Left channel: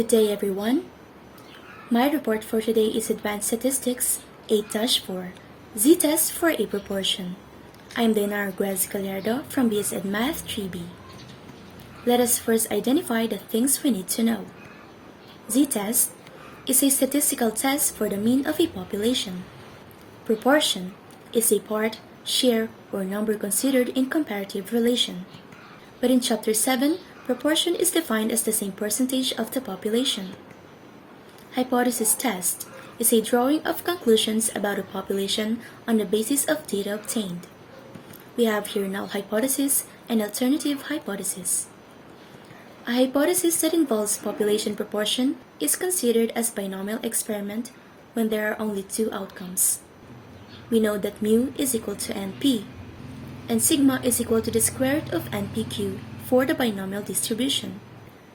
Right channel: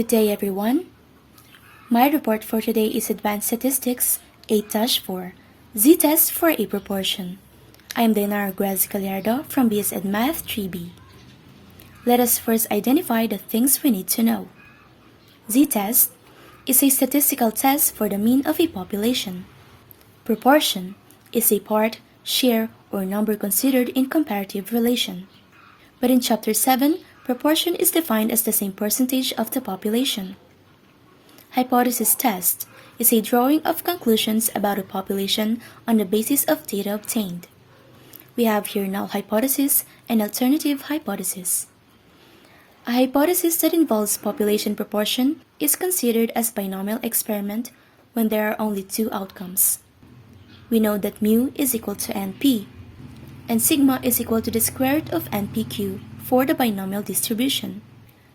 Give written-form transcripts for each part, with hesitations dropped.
Good day, everyone. My report for today is Advanced Statistics 8-4, Z-Test for a Proportion. I am Dainara Guez Gallardo from BS Ed Math 3B. Let us first identify the things we need to know. Z-Test is a statistical test for the mean of a population. Proportion is a part, share, or number considered in comparative relation. But in Chapter 7, proportion is defined as the same percentage of the population. Hypothesis test is a drawing of conclusions about a population on the basis of data obtained. We have here null hypothesis and alternative hypothesis. A hypothesis that involves population proportion is considered as binomial experiment when there are only two outcomes. We know that mu is equal to NP, and sigma is equal to the square root of NPQ for the binomial distribution.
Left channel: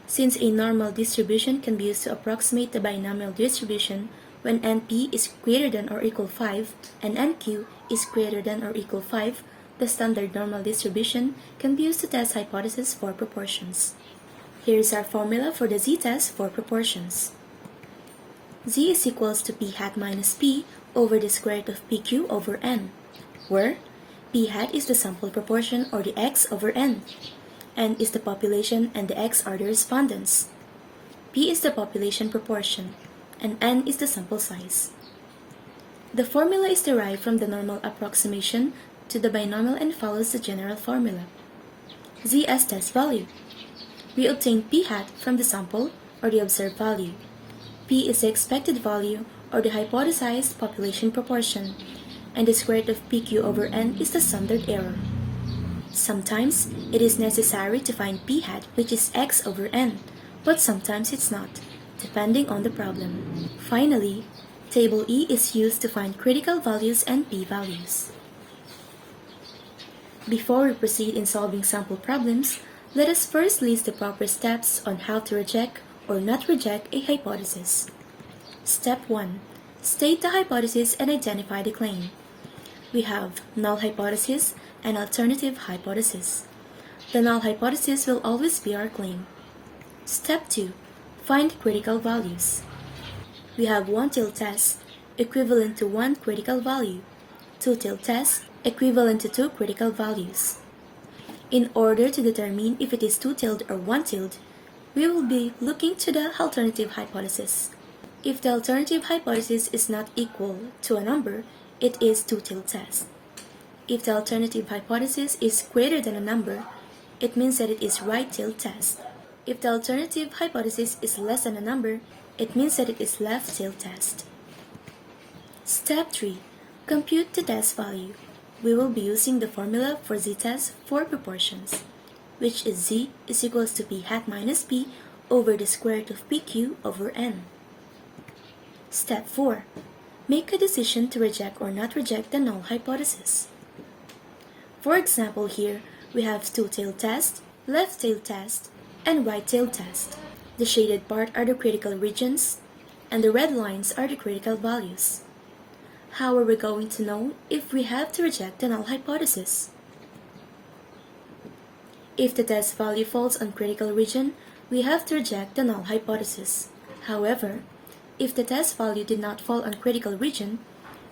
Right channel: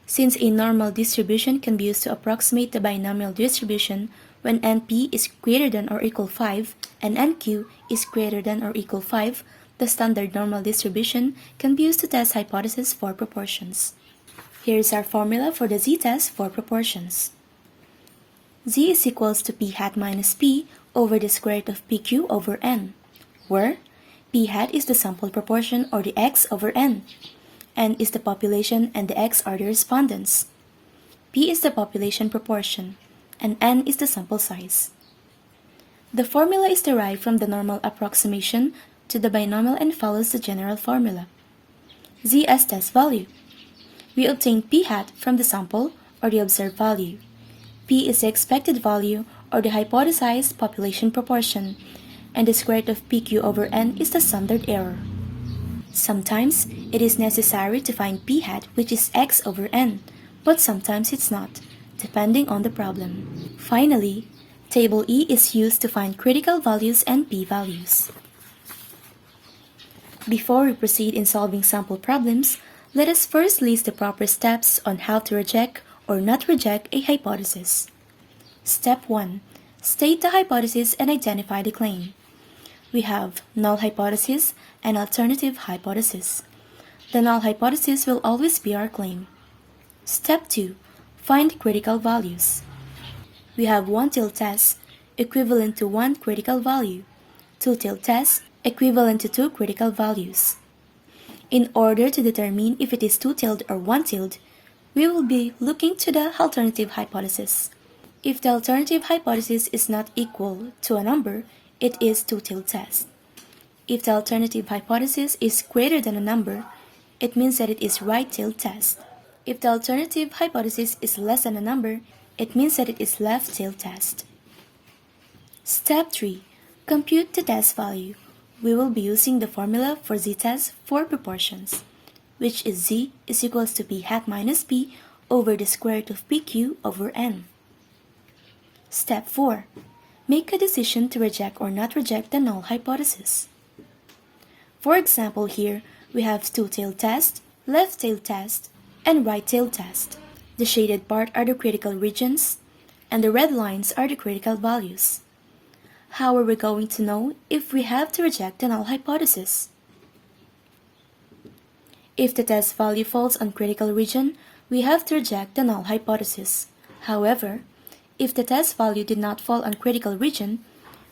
Since a normal distribution can be used to approximate the binomial distribution when NP is greater than or equal 5 and NQ is greater than or equal 5, the standard normal distribution can be used to test hypotheses for proportions. Here is our formula for the Z-test for proportions. Z is equals to P hat minus P over the square root of PQ over N, where P hat is the sample proportion or the X over N. N is the population and the X are the respondents. P is the population proportion, and N is the sample size. The formula is derived from the normal approximation to the binomial and follows the general formula. Z as test value. We obtain P hat from the sample or the observed value. P is the expected value or the hypothesized population proportion, and the square root of PQ over N is the standard error. Sometimes it is necessary to find P hat, which is X over N, but sometimes it's not, depending on the problem. Finally, Table E is used to find critical values and p-values. Before we proceed in solving sample problems, let us first list the proper steps on how to reject or not reject a hypothesis. Step 1. State the hypothesis and identify the claim. We have null hypothesis and alternative hypothesis. The null hypothesis will always be our claim. Step 2. Find critical values. We have one-tailed test equivalent to one critical value, two-tailed test equivalent to two critical values. In order to determine if it is two-tailed or one-tailed, we will be looking to the alternative hypothesis. If the alternative hypothesis is not equal to a number, it is two-tailed test. If the alternative hypothesis is greater than a number, it means that it is right-tailed test. If the alternative hypothesis is less than a number, it means that it is left-tailed test. Step 3. Compute the test value. We will be using the formula for Z-test for proportions, which is Z is equals to P hat minus P over the square root of PQ over N. Step 4. Make a decision to reject or not reject the null hypothesis. For example, here we have two-tailed test, left-tailed test, and right-tailed test. The shaded part are the critical regions, and the red lines are the critical values. How are we going to know if we have to reject the null hypothesis? If the test value falls on critical region, we have to reject the null hypothesis. However, if the test value did not fall on critical region,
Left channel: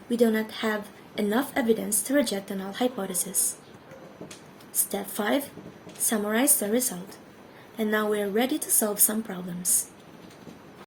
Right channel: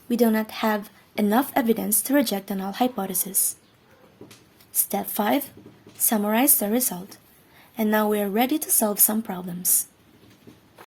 we do not have enough evidence to reject the null hypothesis. Step 5. Summarize the result. And now we are ready to solve some problems.